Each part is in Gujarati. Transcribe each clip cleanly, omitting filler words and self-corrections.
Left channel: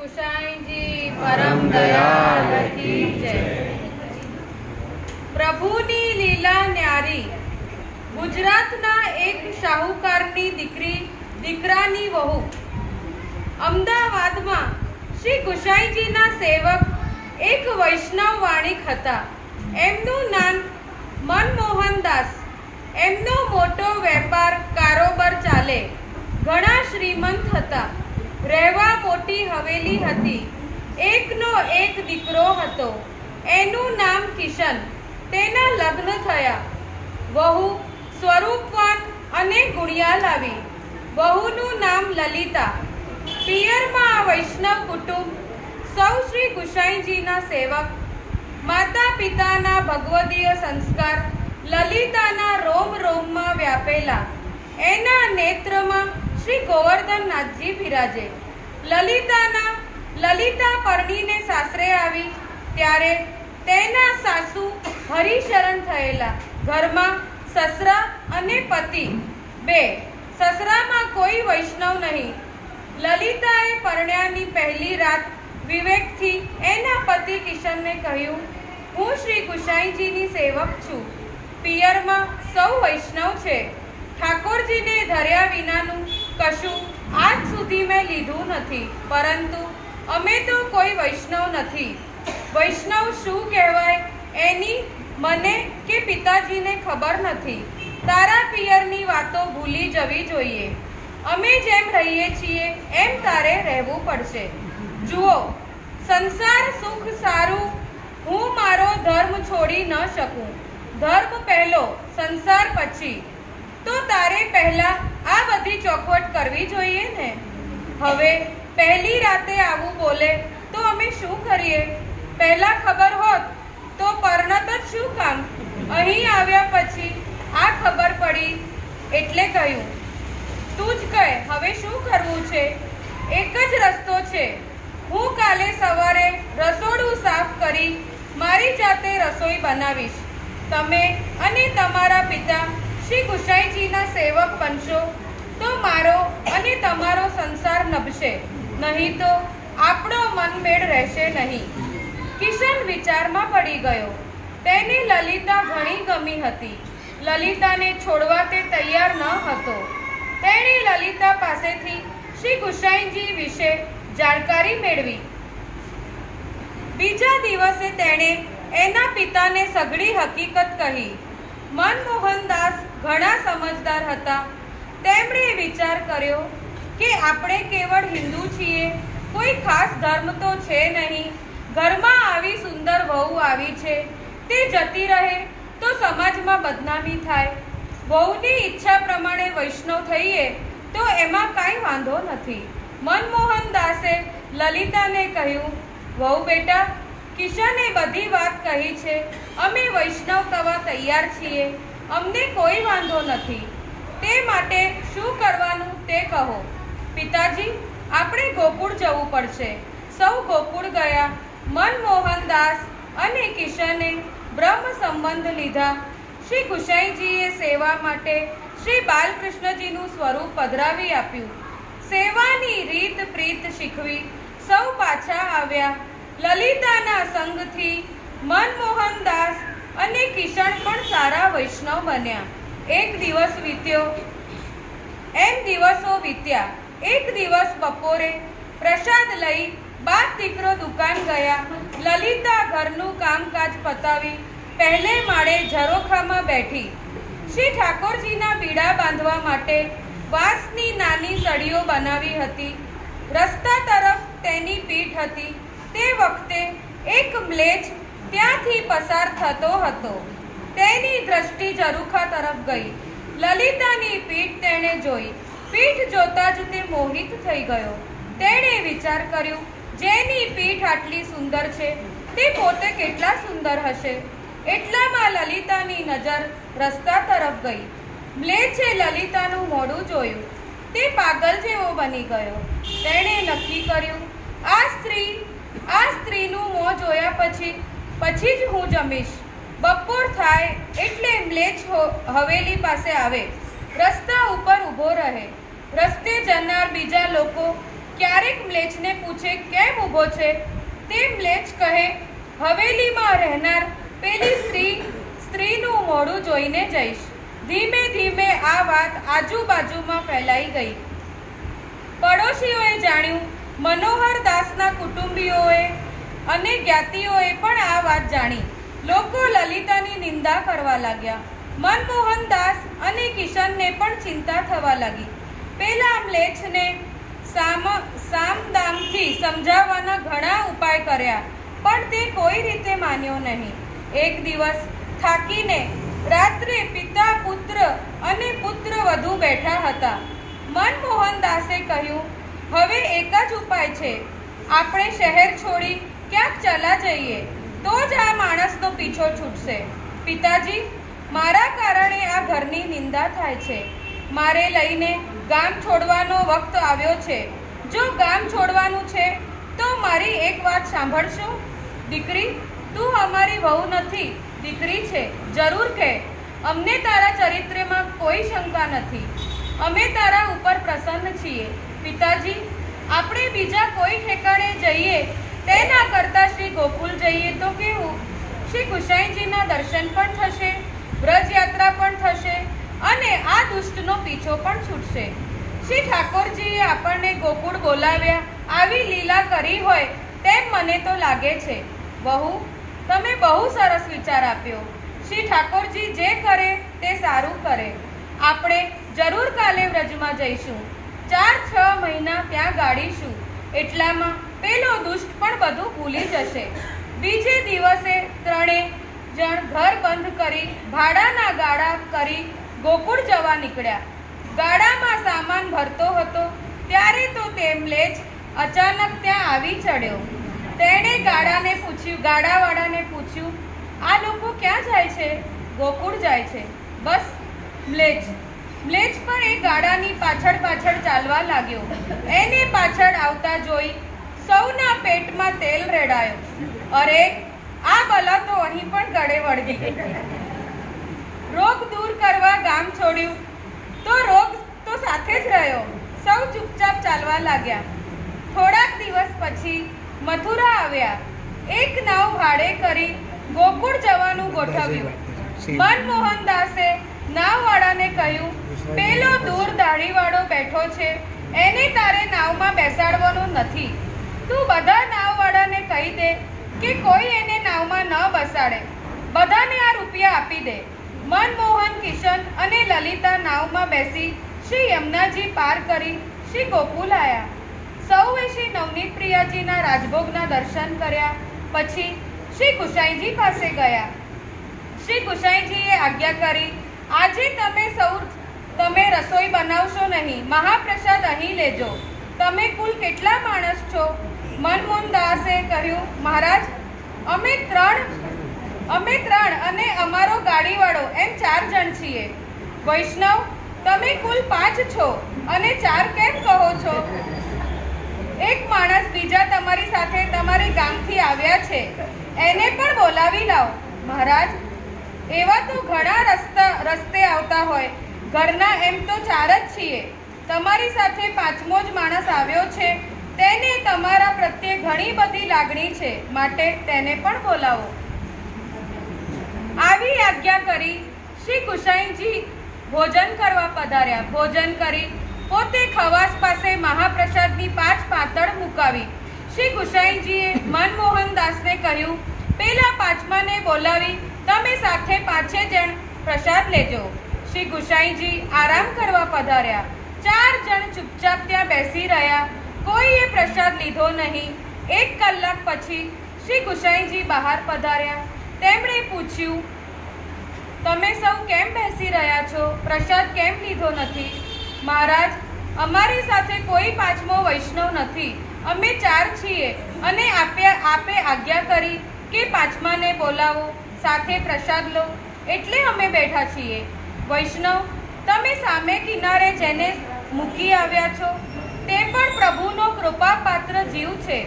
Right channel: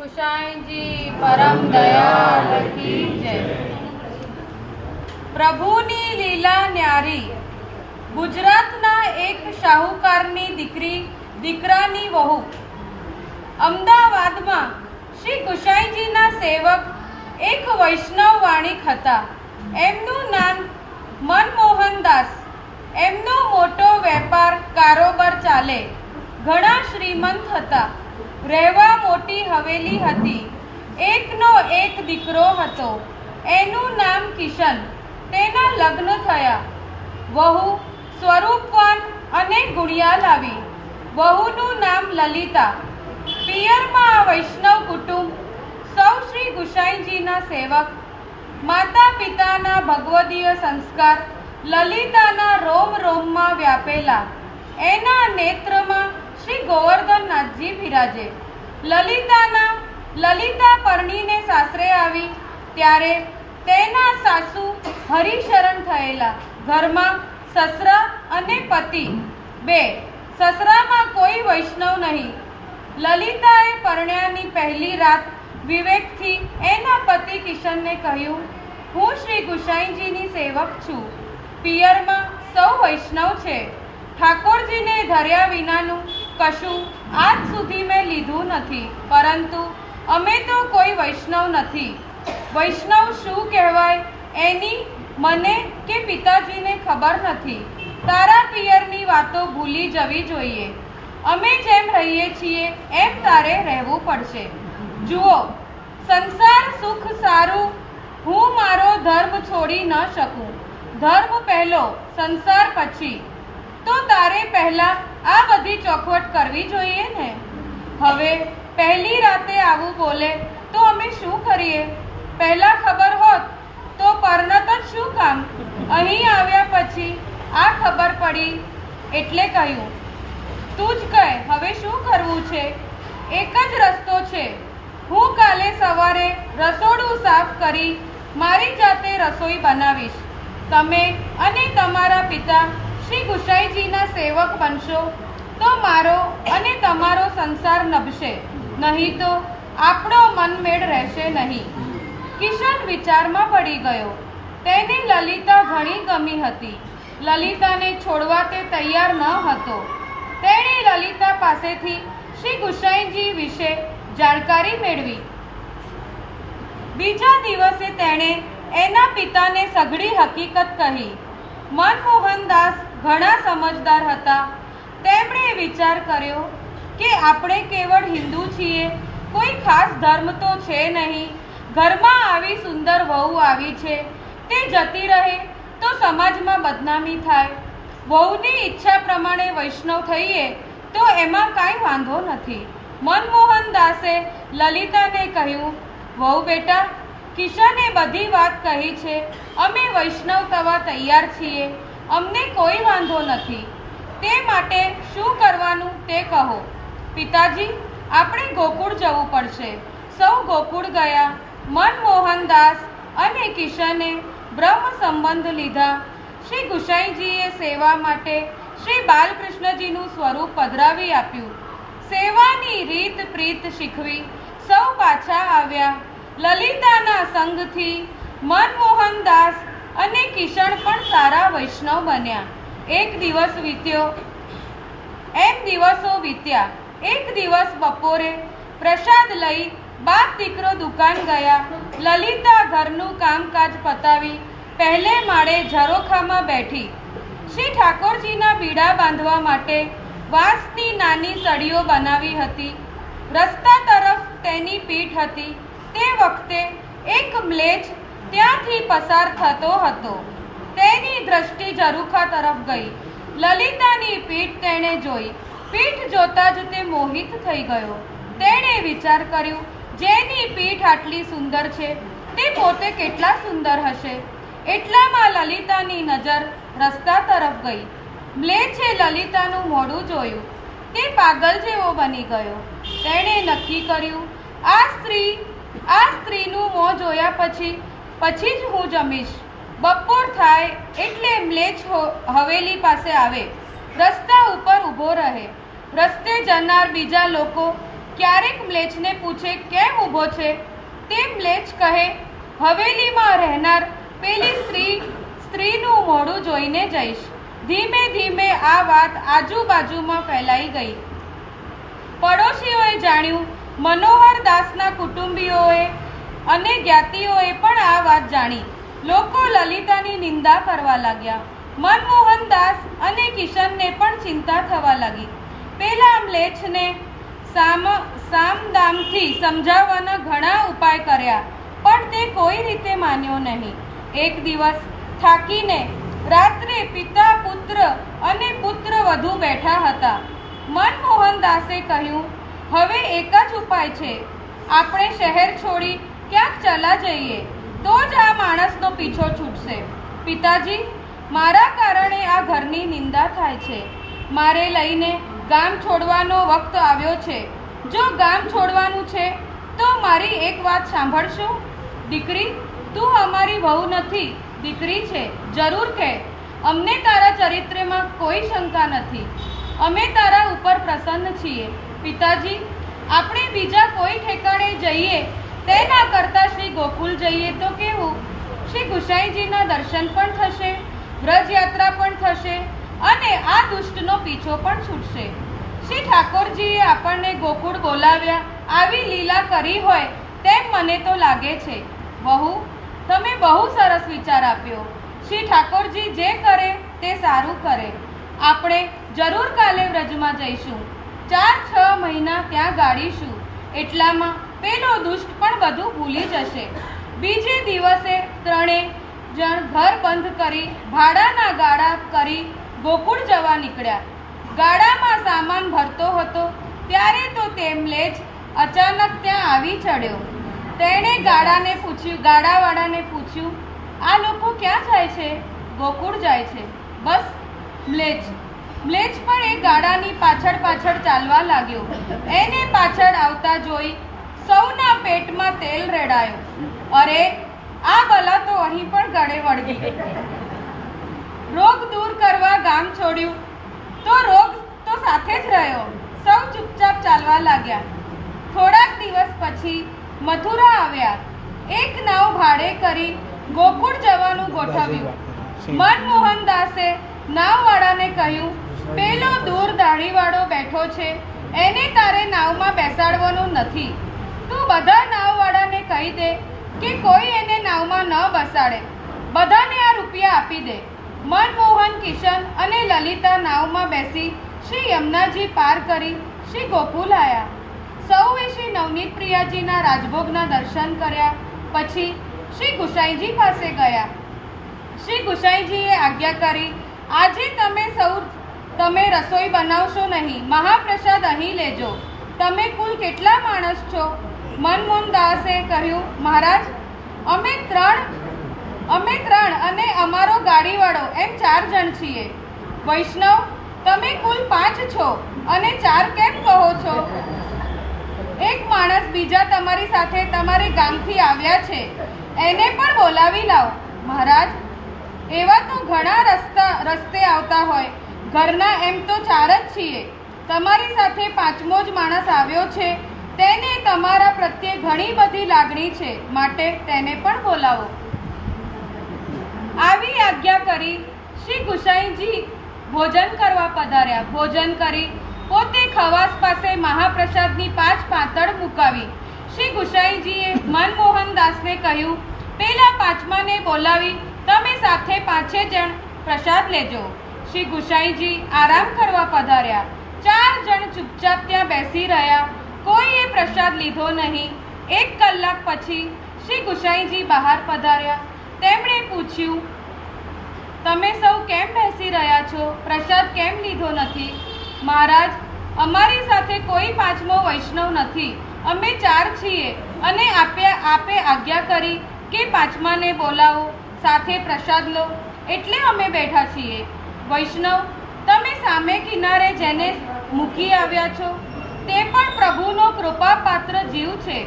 ગુસાઈ જી પરમ દયાળ કી જય। પ્રભુની લીલા ન્યારી। ગુજરાતના એક શાહુકારની દીકરાની વહુ અમદાવાદમાં શ્રી ગુસાઈજીના સેવક એક વૈષ્ણવ વાણિક હતા। એમનું નામ મનમોહનદાસ। એમનો મોટો વેપાર કારોબાર ચાલે, ઘણા શ્રીમંત હતા। રહેવા મોટી હવેલી હતી। એકનો એક દીકરો હતો, એનું નામ કિશન। તેના લગ્ન થયા। વહુ સ્વરૂપવાન અને ગુણિયાલ આવી। વહુનું નામ લલિતા। પિયરમાં વૈષ્ણવ કુટુંબ, સૌ શ્રી ગુસાઈજીના સેવક। માતા પિતાના ભગવદીય સંસ્કાર લલિતાના રોમ રોમમાં વ્યાપેલા। એના નેત્રમાં શ્રી ગોવર્ધનનાથજી બિરાજે। લલિતા પરણીને સાસરે આવી ત્યારે તેના સાસુ હરિશરણ થયેલા। ઘરમાં સસરા અને પતિ બે। સસરામાં કોઈ વૈષ્ણવ નહીં। લલિતાએ પરણ્યાની પહેલી રાત વિવેકથી એના પતિ કિશનને કહ્યું, હું શ્રી ગુસાઈજીની સેવક છું। પિયરમાં સૌ વૈષ્ણવ છે। ઠાકોરજીને ધર્યા વિનાનું કશું આજ સુધી મેં લીધું નથી, પરંતુ અમે તો કોઈ વૈષ્ણવ નથી। વૈષ્ણવ શું કહેવાય એની મને કે પિતાજીને ખબર નથી। તારા પિયરની વાતો ભૂલી જવી જોઈએ। અમે જેમ રહીએ છીએ એમ તારે રહેવું પડશે। જુઓ, સંસાર સુખ સારું, હું મારો ધર્મ છોડી ન શકું। ધર્મ પહેલો, સંસાર પછી। તો તારે પહેલા આ બધી ચોખવટ કરવી જોઈએ ને। હવે પહેલી રાતે આવું બોલે તો અમે શું કરીએ? પહેલા ખબર હોત તો પરણત જ શું કામ? અહીં આવ્યા પછી આ ખબર પડી એટલે કહ્યું, તું જ કહે હવે શું કરવું છે? એક જ રસ્તો છે। હું કાલે સવારે રસોડું સાફ કરી મારી જાતે રસોઈ બનાવીશ। તમે અને તમારા પિતા શ્રી ગુસાઈજીના સેવક બનશો તો મારો અને તમારો સંસાર નભશે, નહીં તો આપણો મનમેળ રહેશે નહીં। કિશન વિચારમાં પડી ગયો। તેને લલિતા ઘણી ગમી હતી। લલિતાને છોડવા તે તૈયાર ન હતો। તેણે લલિતા પાસેથી શ્રી ગુસાઈજી વિશે જાણકારી મેળવી। બીજા દિવસે તેણે એના પિતાને સઘળી હકીકત કહી। મનમોહનદાસ ઘણા સમજદાર હતા। તેમણે વિચાર કર્યો કે આપણે કેવળ હિન્દુ છીએ, કોઈ ખાસ ધર્મ તો છે નહીં। ઘરમાં આવી સુંદર વહુ આવી છે, તે જતી રહે તો સમાજમાં બદનામી થાય। વહુની ઈચ્છા પ્રમાણે વૈષ્ણવ થઈએ તો એમાં કાંઈ વાંધો નથી। મનમોહનદાસે લલિતાને કહ્યું, વહુ બેટા, કિશને બધી વાત કહી છે। અમે વૈષ્ણવ થવા તૈયાર છીએ। અમને કોઈ વાંધો નથી। તે માટે શું કરવાનું તે કહો। પિતાજી, આપણે ગોકુળ જવું પડશે। સૌ ગોકુળ ગયા। મનમોહનદાસ અને કિશને બ્રહ્મ સંબંધ લીધા। શ્રી ગુસાઈજીએ સેવા માટે શ્રી બાલકૃષ્ણજીનું સ્વરૂપ પધરાવી આપ્યું। સેવાની રીત પ્રીત શીખવી સૌ પાછા આવ્યા। લલિતાના સંગથી મનમોહનદાસ અને કિશન પણ સારા વૈષ્ણવ બન્યા। એક દિવસ વીત્યો, એમ દિવસો વીત્યા। એક દિવસ બપોરે પ્રસાદ લઈ બાપ દીકરો દુકાન ગયા। લલિતા ઘરનું કામકાજ પતાવી પહેલે માળે ઝરોખામાં બેઠી। શ્રી ઠાકોરજીના બીડા બાંધવા માટે વાંસની નાની સળીઓ બનાવી હતી। રસ્તા તરફ તેની પીઠ હતી। તે વખતે એક મ્લેચ્છ ત્યાંથી પસાર થતો હતો। તેની દ્રષ્ટિ ઝરૂખા તરફ ગઈ। લલિતાની પીઠ તેણે જોઈ। પીઠ જોતા જ તે મોહિત થઈ ગયો। તેણે વિચાર કર્યો, જેની પીઠ આટલી સુંદર છે તે પોતે કેટલા સુંદર હશે। એટલામાં લલિતાની નજર રસ્તા તરફ ગઈ। મ્લેચ્છે લલિતાનું મોઢું જોયું। તે પાગલ જેવો બની ગયો। તેણે નક્કી કર્યું, આ સ્ત્રીનું મોં જોયા પછી જ હું જમીશ। બપોર થાય એટલે મ્લેચ્છ હવેલી પાસે આવે, રસ્તા ઉપર ઊભો રહે। રસ્તે જનાર બીજા લોકો ક્યારેક મ્લેચ્છને પૂછે કેમ ઊભો છે, તે મ્લેચ્છ કહે હવેલીમાં રહેનાર પેલી સ્ત્રીનું મોઢું જોઈને જઈશ. ધીમે ધીમે આ વાત આજુબાજુમાં ફેલાઈ ગઈ. પડોશીઓએ જાણ્યું, મનોહરદાસના કુટુંબીઓએ અને જ્ઞાતિઓએ પણ આ વાત જાણી. લોકો લલિતાની નિંદા કરવા લાગ્યા. મનમોહનદાસ અને કિશનને પણ ચિંતા થવા લાગી. પેલા મ્લેચ્છને સામદામથી સમજાવવાના ઘણા ઉપાય કર્યા, પણ તે કોઈ રીતે માન્યો નહીં. એક દિવસ થાકીને રાત્રે પિતા, પુત્ર અને પુત્ર વધુ બેઠા હતા. મનમોહનદાસે કહ્યું, હવે એક જ ઉપાય છે, આપણે શહેર છોડી ક્યાંક ચલા જઈએ, તો જ આ માણસનો પીછો છૂટશે. પિતાજી, મારા કારણે આ ઘરની નિંદા થાય છે. મારે લઈને ગામ છોડવાનો વખત આવ્યો છે. જો ગામ છોડવાનું છે તો મારી એક વાત સાંભળશો? દીકરી, તું અમારી વહુ નથી, દીકરી છે. જરૂર કહે, અમને તારા ચરિત્રમાં કોઈ શંકા નથી. અમે તારા ઉપર પ્રસન્ન છીએ. પિતાજી, આપણે બીજા કોઈ ઠેકાણે જઈએ તેના કરતાં શ્રી ગોકુલ જઈએ તો કેવું? શ્રી ગુસાઈજીના દર્શન પણ થશે, વ્રજયાત્રા પણ થશે અને આ દુષ્ટનો પીછો પણ છૂટશે. શ્રી ઠાકોરજીએ આપણને ગોકુળ બોલાવ્યા, આવી લીલા કરી હોય તેમ મને તો લાગે છે. વહુ, તમે બહુ સરસ વિચાર આપ્યો. શ્રી ઠાકોરજી જે કરે તે સારું કરે. આપણે જરૂર કાલે વ્રજમાં જઈશું. 4-6 મહિના ત્યાં ગાળીશું. એટલામાં પેલો દુષ્ટ પણ બધું ભૂલી જશે. બીજે દિવસે 3 જણ ઘર બંધ કરી ભાડાના ગાડા કરી ગોકુળ જવા નીકળ્યા. ગાડામાં સામાન ભરતો હતો ત્યારે તો તે મ્લેચ્છ અચાનક ત્યાં આવી ચડ્યો. તેણે ગાડાવાળાને પૂછ્યું, આ લોકો ક્યાં જાય છે? ગોકુળ જાય છે. બસ. મ્લેચ્છ પણ એ ગાડાની પાછળ ચાલવા લાગ્યો. એને પાછળ આવતા જોઈ સૌના પેટમાં તેલ રેડાયું. અરે, આ બલા તો અહીં પણ ગળે વળગી. રોગ દૂર કરવા ગામ છોડ્યું તો રોગ તો સાથે જ રહ્યો. સૌ ચૂપચાપ ચાલવા લાગ્યા. થોડાક દિવસ પછી મથુરા આવ્યા. એક નાવ ભાડે કરી ગોકુળ જવાનું ગોઠવ્યું. મનમોહનદાસે નાવવાળાને કહ્યું, પેલો દૂર દાઢીવાળો બેઠો છે, એને તારે નાવમાં બેસાડવાનો નથી. તું બધા નાવવાળાને કહી દે કે કોઈ એને નાવમાં ન બેસાડે. બધાને આ રૂપિયા આપી દે. મનમોહન, કિશન અને લલિતા નાવમાં બેસી શ્રી યમુનાજી પાર કરી શ્રી ગોકુલ આવ્યા. સૌએ શ્રી નવનીત પ્રિયાજીના રાજભોગના દર્શન કર્યા. પછી શ્રી ગુસાઈજી પાસે ગયા. શ્રી ગુસાઈજીએ આજ્ઞા કરી, આજે તમે રસોઈ બનાવશો નહીં, મહાપ્રસાદ અહીં લેજો. તમે કુલ કેટલા માણસ છો? મનમોહનદાસે કહ્યું, મહારાજ, અમે ત્રણ અને અમારો ગાડીવાળો એમ 4 જણ છીએ. વૈષ્ણવ, તમે કુલ 5 છો અને 4 કેમ કહો છો? એક માણસ બીજા તમારી સાથે તમારે ગામથી આવ્યા છે, એને પણ બોલાવી લાવો. મહારાજ, એવા તો ઘણા રસ્તે આવતા હોય. ઘરના એમ તો 4 જ છીએ. તમારી સાથે 5મો જ માણસ આવ્યો છે. તેને તમારા પ્રત્યે ઘણી બધી લાગણી છે, માટે તેને પણ બોલાવો. આવી આજ્ઞા કરી શ્રી ગુસાઈજી ભોજન કરવા પધાર્યા. ભોજન કરી પોતે ખવાસ પાસે મહાપ્રસાદની 5 પાતળ મુકાવી. શ્રી ગુસાઈજીએ મનમોહનદાસને કહ્યું, પેલા 5માને બોલાવી તમે સાથે 5 જણ પ્રસાદ લેજો. શ્રી ગુસાઈજી આરામ કરવા પધાર્યા. 4 જણ ચૂપચાપ ત્યાં બેસી રહ્યા. કોઈએ પ્રસાદ લીધો નહીં. 1 કલાક પછી શ્રી ગુસાઈજી બહાર પધાર્યા. તેમણે પૂછ્યું, તમે સૌ કેમ બેસી રહ્યા છો? પ્રસાદ કેમ લીધો નથી? મહારાજ, અમારી સાથે કોઈ 5મો વૈષ્ણવ નથી. અમે 4 છીએ અને આપે આજ્ઞા કરી કે 5માને બોલાવો, સાથે પ્રસાદ લો, એટલે અમે બેઠા છીએ. વૈષ્ણવ, તમે સામે કિનારે જેને મૂકી આવ્યા છો તે પણ પ્રભુનો કૃપાપાત્ર જીવ છે.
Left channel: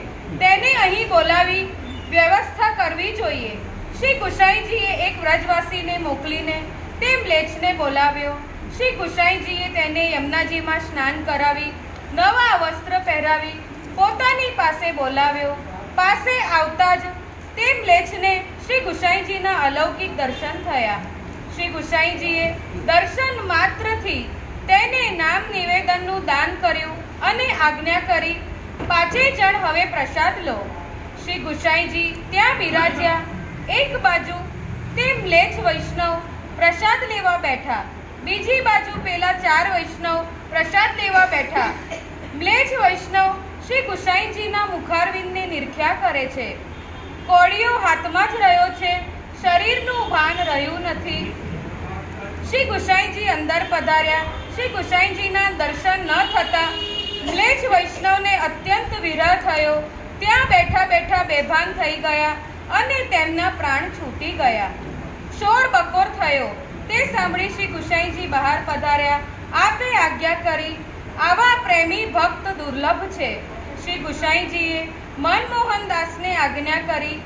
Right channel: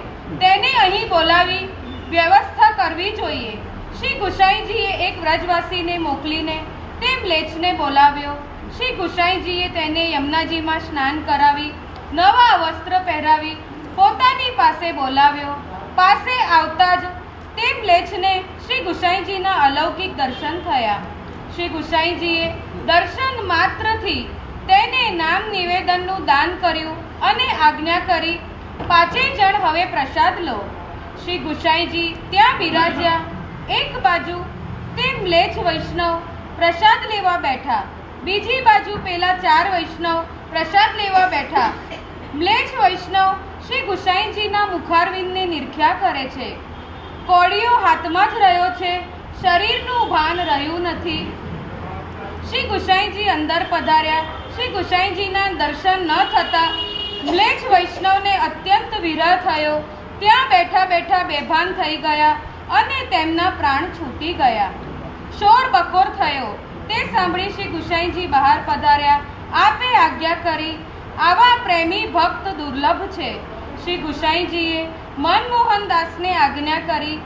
તેને અહીં બોલાવી વ્યવસ્થા કરવી જોઈએ. શ્રી ગુસાઈજીએ એક વ્રજવાસીને મોકલીને તે મ્લેચ્છને બોલાવ્યો. શ્રી ગુસાઈજીએ તેને યમુનાજીમાં સ્નાન કરાવી નવા વસ્ત્ર પહેરાવી પોતાની પાસે બોલાવ્યો. પાસે આવતા જ તે મ્લેચ્છને શ્રી ગુસાઈજીના અલૌકિક દર્શન થયા. શ્રી ગુસાઈજીએ દર્શન માત્રથી તેને નામ નિવેદનનું દાન કર્યું અને આજ્ઞા કરી, પાંચેય જણ હવે પ્રસાદ લો. શ્રી ગુસાઈજી ત્યાં બિરાજ્યા. એક બાજુ તે મ્લેચ્છ વૈષ્ણવ પ્રસાદ લેવા બેઠા, બીજી બાજુ પેલા 4 વૈષ્ણવ પ્રસાદ લેવા બેઠા. મ્લેચ્છ વૈષ્ણવ શ્રી ગુસાઈજીના મુખારવિંદને નિરખ્યા કરે છે. કોળીઓ હાથમાં જ રહ્યો છે, શરીરનું ભાન રહ્યું નથી. શ્રી ગુસાઈજી અંદર પધાર્યા. શ્રી ગુસાઈજીના દર્શન ન થતા મ્લેચ્છ વૈષ્ણવને અત્યંત વિરહ થયો. ત્યાં બેઠા બેઠા બેભાન થઈ ગયા અને તેમના પ્રાણ છૂટી ગયા. શોર બકોર થયો. તે સાંભળી શ્રી ગુસાઈજી બહાર પધાર્યા. આપે આજ્ઞા કરી, આવા પ્રેમી ભક્ત દુર્લભ છે. શ્રી ગુસાઈજીએ મનમોહનદાસને આજ્ઞા કરી,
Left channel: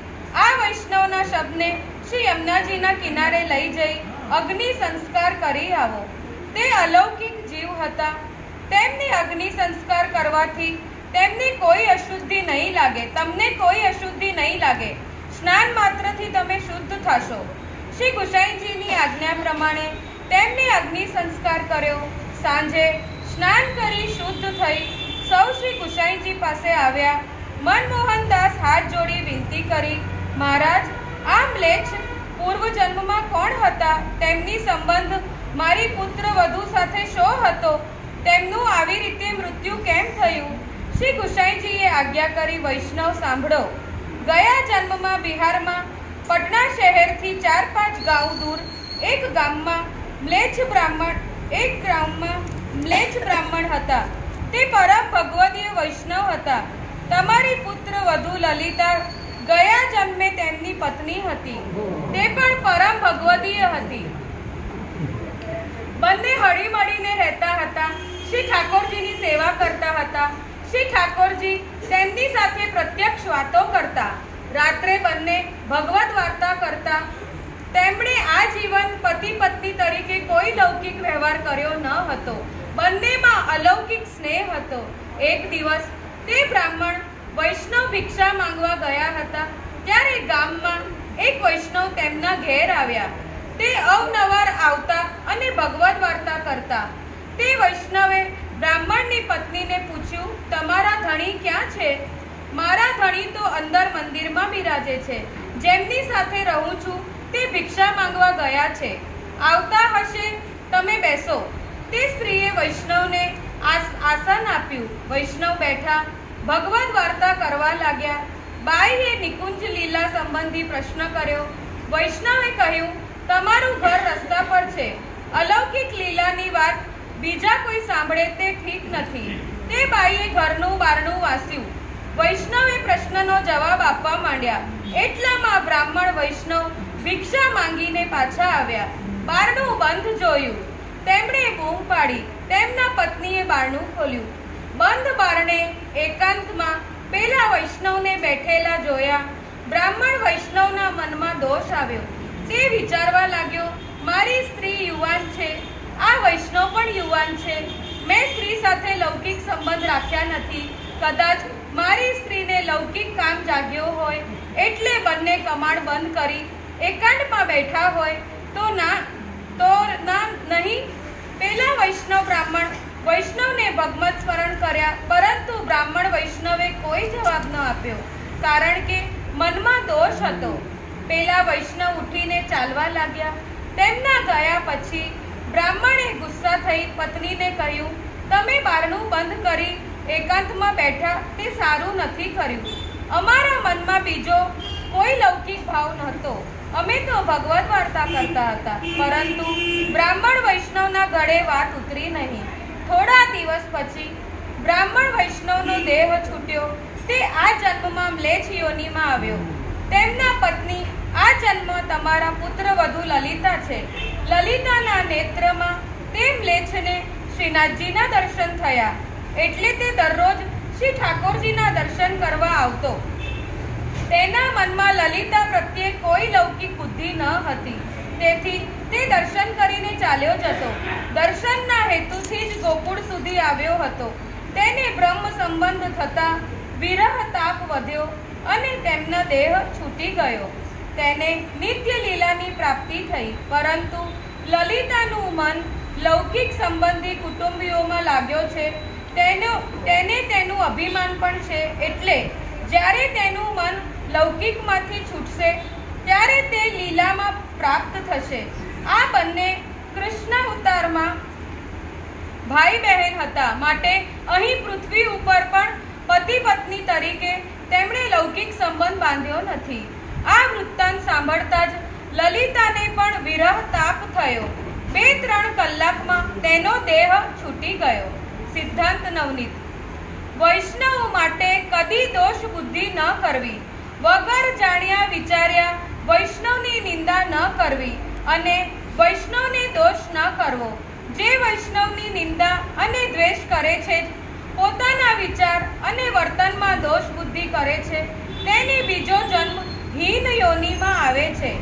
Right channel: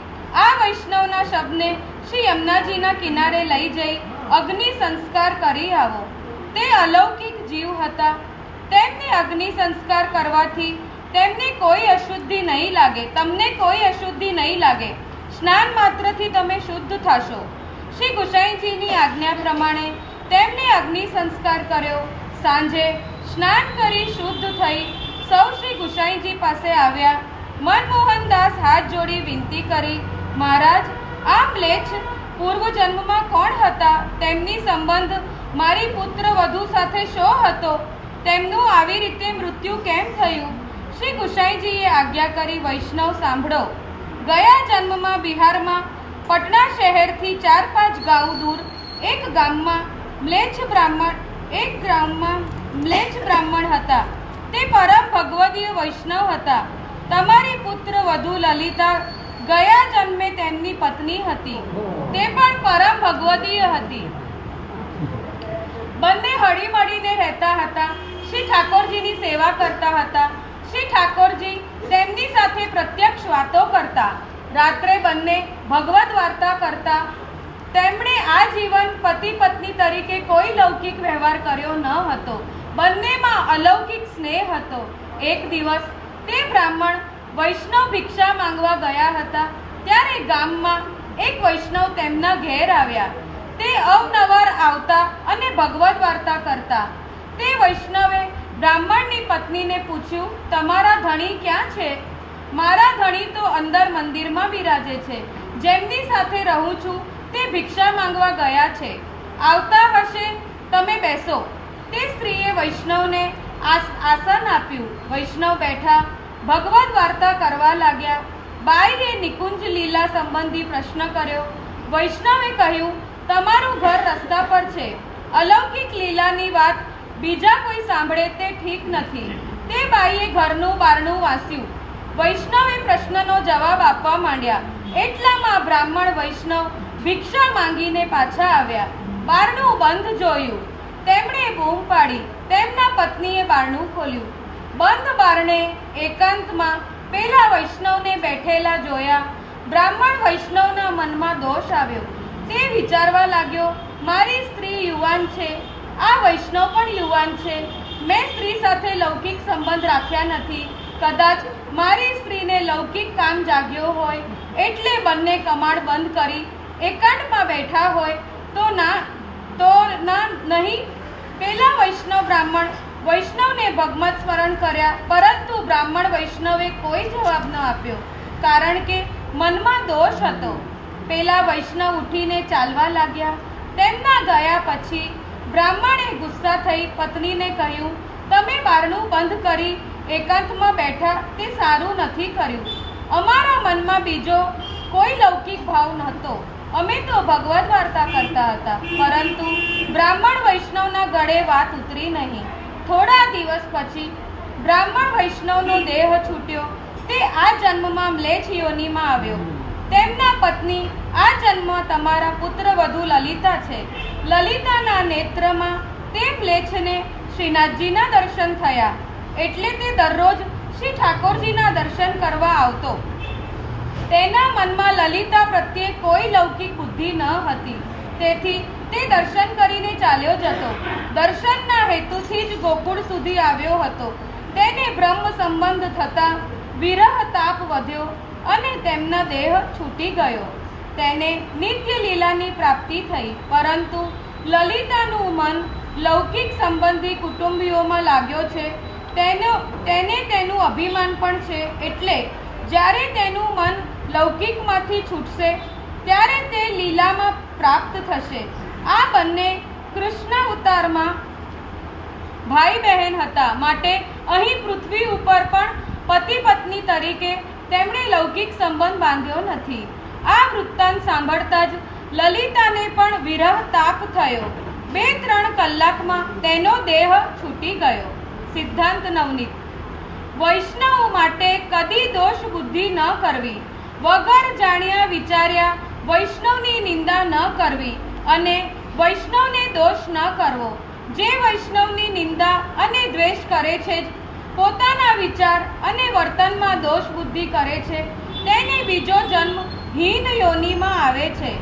આ વૈષ્ણવના શબને શ્રી યમુનાજીના કિનારે લઈ જઈ અગ્નિ સંસ્કાર કરી આવો. તે અલૌકિક જીવ હતા. તેમની અગ્નિ સંસ્કાર કરવાથી તેમને કોઈ અશુદ્ધિ નહીં લાગે, તમને કોઈ અશુદ્ધિ નહીં લાગે. સ્નાન માત્રથી તમે શુદ્ધ થશો. શ્રી ગુસાઈજીની આજ્ઞા પ્રમાણે તેમને અગ્નિ સંસ્કાર કર્યો. સાંજે સ્નાન કરી શુદ્ધ થઈ સૌ શ્રી ગુસાઈજી પાસે આવ્યા. મનમોહનદાસ હાથ જોડી વિનંતી કરી, મહારાજ, આ મ્લેચ્છ પૂર્વજન્મમાં કોણ હતા? તેમની સંબંધ મારી પુત્ર વધુ સાથે શો હતો? તેમનું આવી રીતે મૃત્યુ કેમ થયું? શ્રી ગુસાઈજીએ આજ્ઞા કરી, વૈષ્ણવ સાંભળો. ગયા જન્મમાં બિહારમાં પટના શહેરથી 4-5 ગાંવ દૂર એક ગામમાં મ્લેચ્છ બ્રાહ્મણ હતા. તે પરમ ભગવદીય વૈષ્ણવ હતા. તમારી પુત્ર વધુ લલિતા ગયા જન્મે તેમની પત્ની હતી. તે પણ પરમ ભગવદીય હતી. બંને હળીમળીને રહેતા હતા. શ્રી ઠાકોરજીની સેવા કરતા હતા. શ્રી ઠાકોરજી તેમની સાથે પ્રત્યક્ષ વાતો કરતા. રાત્રે બંને ભગવદ વાર્તા કરતા. તેમણે આજીવન પતિ પત્ની તરીકે કોઈ લૌકિક વ્યવહાર કર્યો ન હતો. બંનેમાં અલૌકિક સ્નેહ હતો. એક દિવસ તે બ્રાહ્મણ વૈષ્ણવ ભિક્ષા માંગવા ગયા હતા. ત્યારે ગામમાં એક વૈષ્ણવ તેમના ઘેર આવ્યા. તે અવનવાર આવતા અને ભગવદ વાર્તા કરતા. તે વૈષ્ણવે બ્રાહ્મણની પત્નીને પૂછ્યું, તમારા ધણી ક્યાં છે? મારા ધણી તો અંદર મંદિરમાં બિરાજે છે. જેમની સાથે રહું છું તે ભિક્ષા માંગવા ગયા છે. આવતા હશે, તમે બેસો. તે સ્ત્રીએ વૈષ્ણવને આસન આપ્યું. વૈષ્ણવ બેઠા ભગવદ વાર્તા કરવા લાગ્યા. બાઈએ નિકુંજ લીલા સંબંધી પ્રશ્ન કર્યો. વૈષ્ણવે કહ્યું, તમારું ઘર રસ્તા પર છે. અલૌકિક લીલાની વાત બીજા કોઈ સાંભળે તે ઠીક નથી. તે બાઈએ ઘરનું બારણું વાસ્યું. વૈષ્ણવે પ્રશ્નનો જવાબ આપવા માંડ્યા. એટલામાં બ્રાહ્મણ વૈષ્ણવ ભિક્ષા માંગીને પાછા આવ્યા. બારણું બંધ જોયું. તેમણે બૂમ પાડી. તેમના પત્નીએ બારણું ખોલ્યું. બંધ બારણે એકાંતમાં પેલા વૈષ્ણવને બેઠેલા જોયા. બ્રાહ્મણ વૈષ્ણવના મનમાં દોષ આવ્યો. તે વિચારવા લાગ્યો, મારી સ્ત્રી યુવાન છે, આ વૈષ્ણવ પણ યુવાન છે. મેં સ્ત્રી સાથે લૌકિક સંબંધ રાખ્યા નથી. કદાચ મારી સ્ત્રીને લૌકિક કામ જાગ્યો હોય એટલે બંને કમાડ બંધ કરી એકાંતમાં બેઠા હોય તો નહીં. પેલા વૈષ્ણવને ભગવત સ્મરણ કર્યા, પરંતુ બ્રાહ્મણ વૈષ્ણવે કોઈ જવાબ ન આપ્યો, કારણ કે મનમાં દોષ હતો. પેલા વૈષ્ણવ ઉઠીને ચાલવા લાગ્યા. તેમના ગયા પછી બ્રાહ્મણે ગુસ્સા થઈ પત્નીને કહ્યું, તમે બારણું બંધ કરી એકાંતમાં બેઠા તે સારું નથી કર્યું. અમારા મનમાં બીજો કોઈ લૌકિક ભાવ નહોતો. અમે તો ભગવદ વાર્તા કરતા હતા. પરંતુ બ્રાહ્મણ વૈષ્ણવના ગળે વાત ઉતરી નહીં. થોડા દિવસ પછી બ્રાહ્મણ વૈષ્ણવનો દેહ છૂટ્યો. તે આ જન્મમાં મ્લેચ્છ યોનિમાં આવ્યો. તેમના પત્ની આ જન્મ તમારા પુત્ર વધુ લલિતા છે. લલિતાના નેત્રમાં તે મ્લેચ્છને શ્રીનાથજીના દર્શન થયા. એટલે તે દરરોજ શ્રી ઠાકોરજીના દર્શન કરવા આવતો. તેના મનમાં લલિતા પ્રત્યે કોઈ લૌકિક બુદ્ધિ ન હતી. તેથી તે દર્શન કરીને ચાલ્યો જતો. દર્શનના હેતુથી જ ગોકુળ સુધી આવ્યો હતો. તેને બ્રહ્મ સંબંધ થતા વિરહ તાપ વધ્યો અને તેમનો દેહ છૂટી ગયો. તેને નિત્ય લીલાની પ્રાપ્તિ થઈ, પરંતુ લલિતાનું મન લૌકિક સંબંધી કુટુંબીઓમાં લાગ્યો છે. તેને તેનું અભિમાન પણ છે, એટલે જ્યારે તેનું મન લૌકિકમાંથી છૂટશે ત્યારે તે લીલામાં પ્રાપ્ત થશે. આ બંને કૃષ્ણ અવતારમાં ભાઈ બહેન હતા, માટે અહીં પૃથ્વી ઉપર પણ પતિ પત્ની તરીકે તેમણે લૌકિક સંબંધ બાંધ્યો નથી. આ વૃત્તાંત સાંભળતા જ લલિતાને પણ વિરહ તાપ થયો. 2-3 કલાકમાં તેનો દેહ છૂટી ગયો. સિદ્ધાંત નવનીત. વૈષ્ણવ માટે કદી દોષ બુદ્ધિ ન કરવી, વગર જાણ્યા વિચાર્યા વૈષ્ણવની નિંદા ન કરવી અને વૈષ્ણવને દોષ ન કરવો. જે વૈષ્ણવની નિંદા અને દ્વેષ કરે છે, પોતાના વિચાર અને વર્તનમાં દોષ બુદ્ધિ કરે છે, તેને બીજો જન્મ હીન યોનિમાં આવે છે.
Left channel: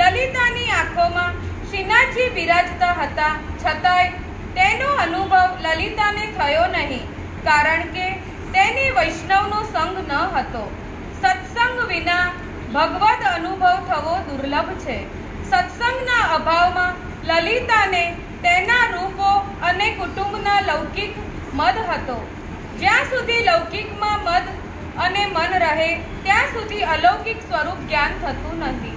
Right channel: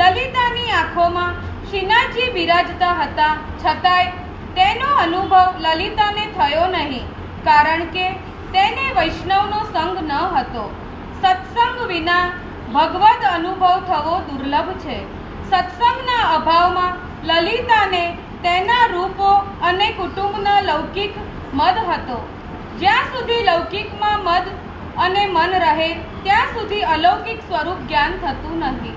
લલિતાની આંખોમાં શ્રીનાથજી બિરાજતા હતા, છતાંય તેનો અનુભવ લલિતાને થયો નહીં, કારણ કે તેને વૈષ્ણવનો સંગ ન હતો. સત્સંગ વિના ભગવદ અનુભવ થવો દુર્લભ છે. સત્સંગના અભાવમાં લલિતાને તેના રૂપો અને કુટુંબના લૌકિક મદ હતો. જ્યાં સુધી લૌકિકમાં મદ અને મન રહે ત્યાં સુધી અલૌકિક સ્વરૂપ જ્ઞાન થતું નથી.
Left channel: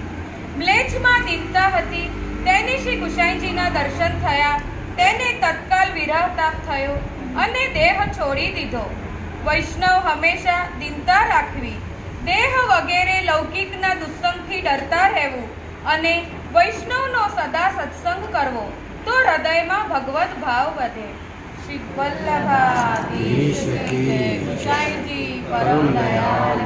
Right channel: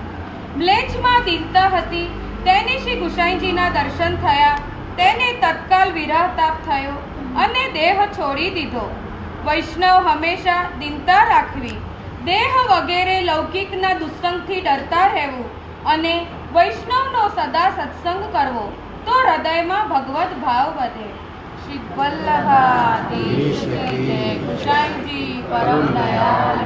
મ્લેચ્છમાં દીનતા હતી, તેને શ્રી ગુસાઈજીના દર્શન થયા. તેને તત્કાલ વિરહ તાપ થયો અને દેહ છોડી દીધો. વૈષ્ણવ હંમેશા દીનતા રાખવી, દેહ વગેરે લૌકિકના દુસ્સંગથી ડરતા રહેવું અને વૈષ્ણવનો સદા સત્સંગ કરવો, તો હૃદયમાં ભગવત ભાવ વધે. શ્રી વલ્લભાધીશ ગુસાઈજી પરમ દયાળ.